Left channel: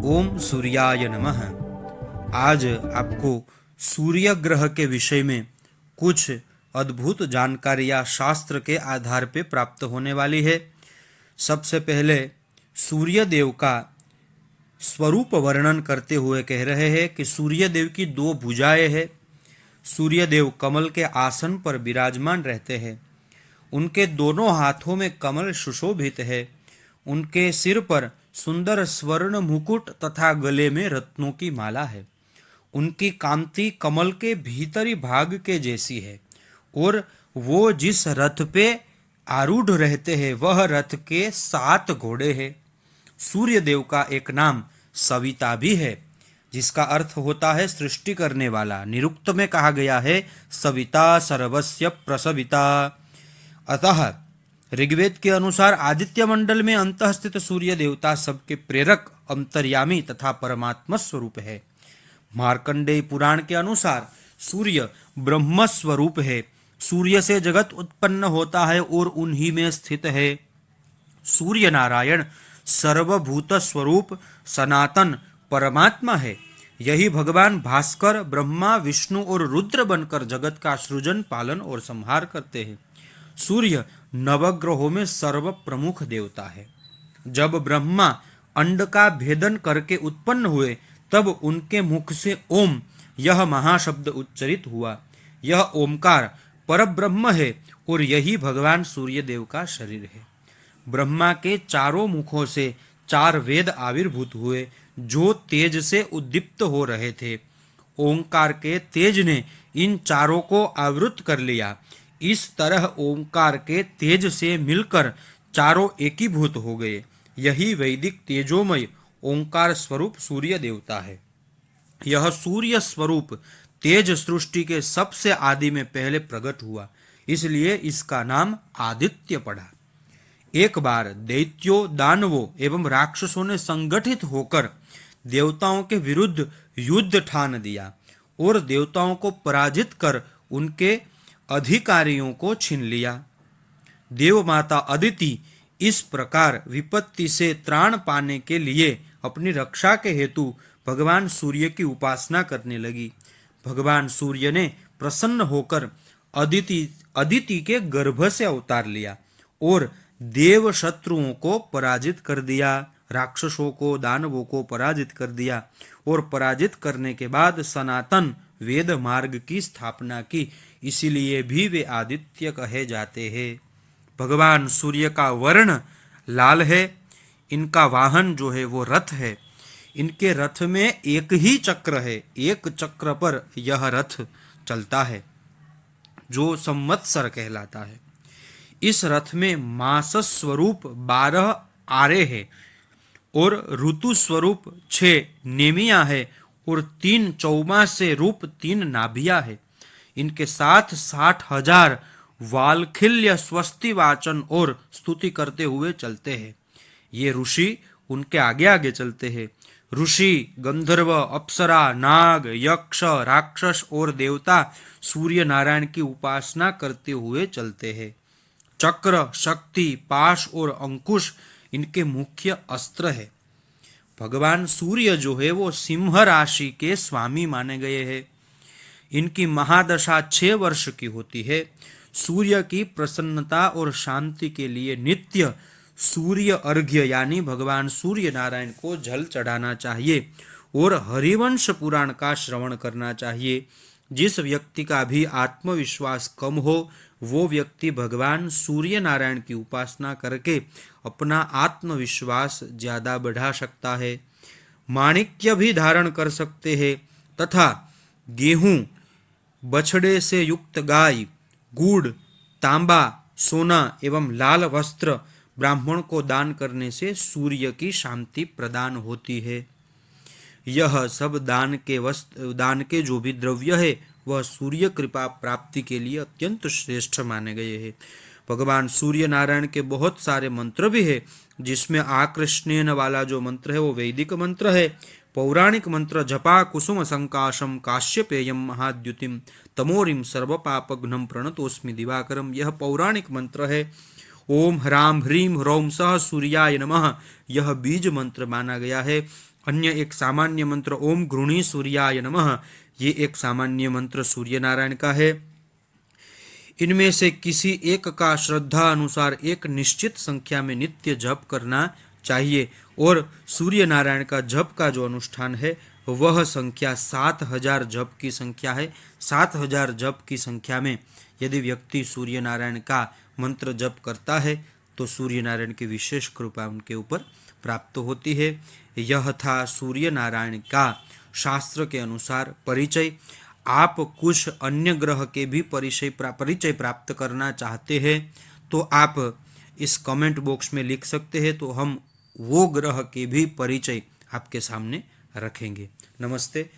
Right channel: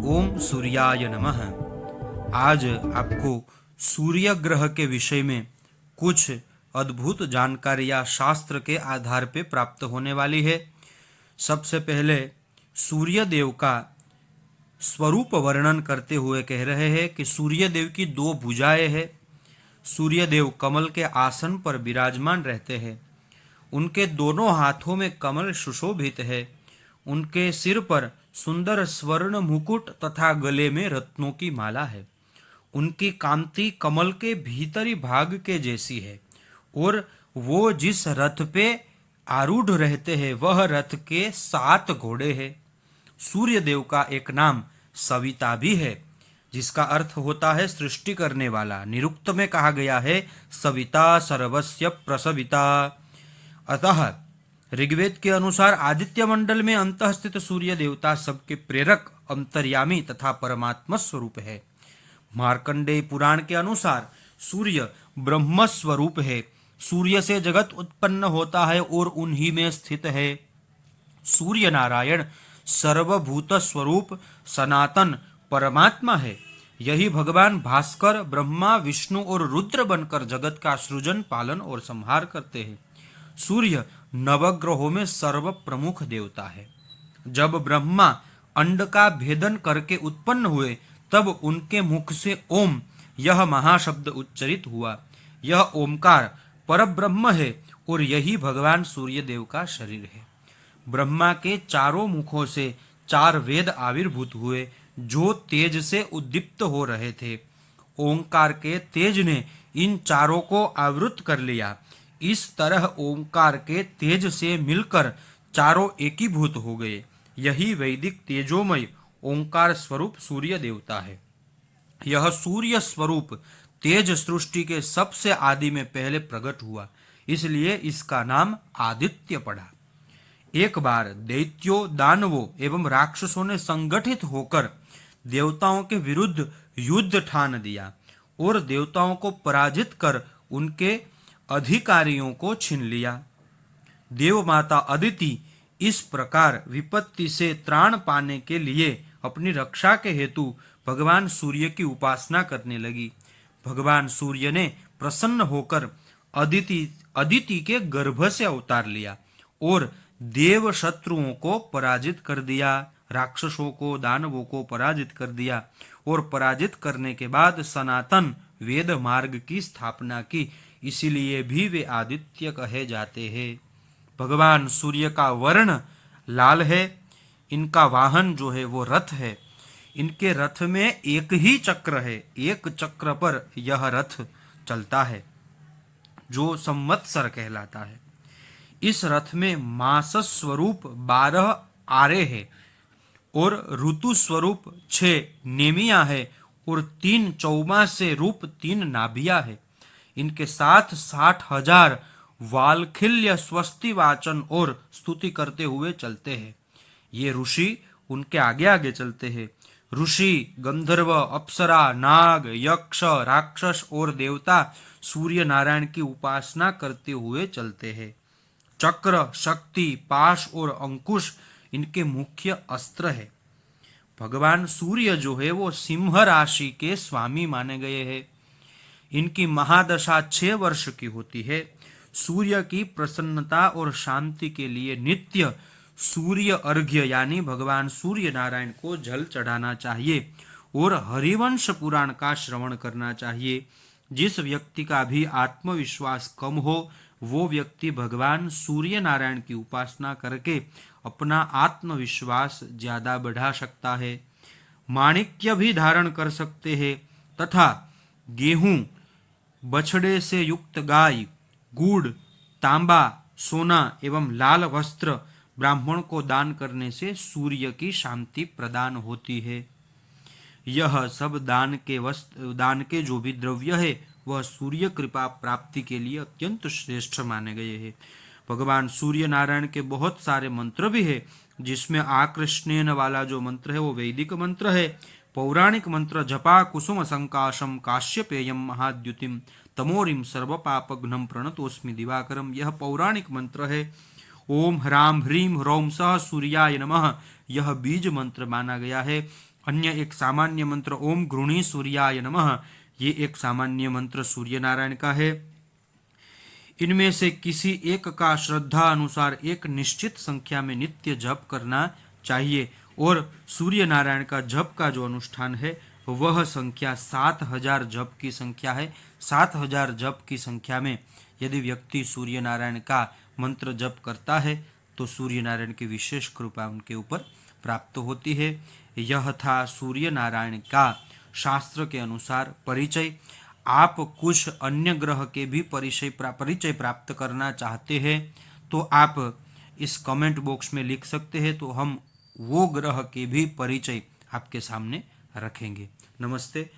ओम सूर्याय नमः। आज आपको सूर्य ग्रह के विषय में कुछ अद्भुत जानकारियां शास्त्र के आधार पे प्राप्त होने वाली है। सबसे पहले सूर्य देव का स्वरूप वर्णन करते हुए कह रहे हैं कि सूर्य देव की दो भुजाएं हैं। सूर्य देव कमल के आसन पर विराजमान रहते हैं। उनके दोनों हाथों में कमल सुशोभित है। उनके सिर पर सुंदर स्वर्ण मुकुट तथा गले में रत्नों की माला है। उनकी कांति कमल के भीतरी भाग के जैसी है और वो जिस रथ पे आरूढ़ रहते हैं वह रथ के 7 घोड़े हैं। सूर्य देव का एक नाम सविता भी है, जिसका अर्थ होता है सृष्टि करने वाला। निरुक्त में कहा गया है सविता सर्वस्य प्रसविता। अतः ऋग्वेद के अनुसार आदित्य मंडल में अंतःस्थित सूर्य देवता सबके प्रेरक, अंतर्यामी तथा परमात्मा स्वरूप है। मार्कंडेय पुराण के अनुसार सूर्य ब्रह्म स्वरूप है। सूर्य से जगत उत्पन्न होता है और उन्हीं में स्थित है। सूर्य नारायण सर्वभूत स्वरूप सनातन परमात्मा है। यही भगवान भास्कर ब्रह्मा, विष्णु और रुद्र बनकर जगत का सृजन, पालन और संहार करते हैं। सूर्य नवग्रहों में सर्व प्रमुख देवता है। जब ब्रह्मा अंड का भेदन करके उत्पन्न हुए तब उनके मुख से ओम यह महाशब्द उच्चरित हुआ। यह ओमकार परब्रह्म है और यही भगवान सूर्य देव का शरीर है। ब्रह्मा के चारों मुखों से 4 वेद आविर्भूत हुए जो तेज से उद्दीप्त हो रहे थे। ओंकार के तेज ने इन चारों को आवृत कर लिया। इस तरह ओंकार के तेज से मिलकर चारों एकीभूत हो गए। यही वैदिक तेजोमय ओंकार स्वरूप सूर्य देवता है। यह सूर्य स्वरूप तेज सृष्टि के सबसे आदि में पहले प्रकट हुआ, इसलिए इसका नाम आदित्य पड़ा। एक बार दैत्यों, दानवों एवं राक्षसों ने संगठित होकर देवताओं के विरुद्ध युद्ध ठान दिया और देवताओं को पराजित कर उनके अधिकारियों को छीन लिया। देव माता अदिति इस प्रकार विपत्ति से त्राण पाने के लिए अपनी रक्षा के हेतु भगवान सूर्य की उपासना करने लगी। भगवान सूर्य ने प्रसन्न होकर अदिति के गर्भ से अवतार लिया और देव शत्रुओं को पराजित कर दिया। राक्षसों को, दानवों को पराजित कर दिया और पराजित करने के बाद सनातन वेद मार्ग की स्थापना की। इसीलिए भी वे आदित्य कहे जाते हैं। भगवान सूर्य का वर्ण लाल है। इनका वाहन जो है वो रथ है। इनके रथ में एक ही चक्र है। एक चक्र पर यह रथ चलता है जो संवत्सर कहलाता है। इस रथ में मास स्वरूप 12 आरे है और ऋतु स्वरूप 6 नेमिया है और 3 चौमासे रूप 3 नाभिया है। इनके साथ 60,000 वालखिल्य स्वस्ति वाचन और स्तुति करते हुए चलते हैं। ये ऋषि उनके आगे आगे चलते हैं। ऋषि, गंधर्व, अप्सरा, नाग, यक्ष, राक्षस और देवता सूर्य नारायण की उपासना करते हुए चलते हैं। चक्र, शक्ति, पाश और अंकुश इनके मुख्य अस्त्र है। भगवान सूर्य जो है वो सिंह राशि के स्वामी माने गए हैं। इनकी महादशा 6 वर्ष की होती है। सूर्य की प्रसन्नता और शांति के लिए नित्य सूर्य अर्घ्य यानी भगवान सूर्य नारायण को जल चढ़ाना चाहिए और हरिवंश पुराण का श्रवण करना चाहिए। जिस व्यक्ति का भी आत्मविश्वास कम हो वो व्यक्ति भगवान सूर्य नारायण की उपासना करके अपना आत्मविश्वास ज्यादा बढ़ा सकता है। माणिक्य भी धारण कर सकते हैं तथा गेहूं, बछड़े से युक्त गाय, गुड़, तांबा, सोना एवं लाल वस्त्र ब्राह्मण को दान करने से सूर्य की शांति प्रदान होती है। यह सब दान के जो भी द्रव्य है वह सूर्य कृपा प्राप्ति के लिए अत्यंत श्रेष्ठ माने गए हैं। भगवान सूर्य नारायण के बहुत सारे मंत्र भी है, जिसमें आकृष्णेन वाला जो मंत्र है वो वैदिक मंत्र है। पौराणिक मंत्र जपा कुसुम संकाशम काश्यपेयम महाद्युतिम तमोरिम सर्वपापघ्नम प्रणतोस्मि दिवाकरम, यह पौराणिक मंत्र है। ओम ह्राम ह्रीम ह्रौम सह सूर्याय नमः, यह बीज मंत्र माना गया है। अन्य एक सामान्य मंत्र ओम गृणी सूर्याय नमः, ये एक सामान्य मंत्र सूर्य नारायण का है। इनमें से किसी एक का श्रद्धा अनुसार एक निश्चित संख्या में नित्य जप करना चाहिए और सूर्य नारायण का जप का जो अनुष्ठान है वह संख्या 7000 जप की संख्या है। 7000 जप की संख्या में यदि व्यक्ति सूर्य नारायण का मंत्र जप करता है तो सूर्य नारायण की विशेष कृपा उनके ऊपर प्राप्त होती है। यह था सूर्य नारायण का शास्त्र के अनुसार परिचय। आप कुछ अन्य ग्रह के भी परिचय प्राप्त करना चाहते हैं तो आप इस कमेंट बॉक्स में लिख सकते हैं, तो हम वो ग्रह के भी परिचय आपके सामने रखेंगे। नमस्ते।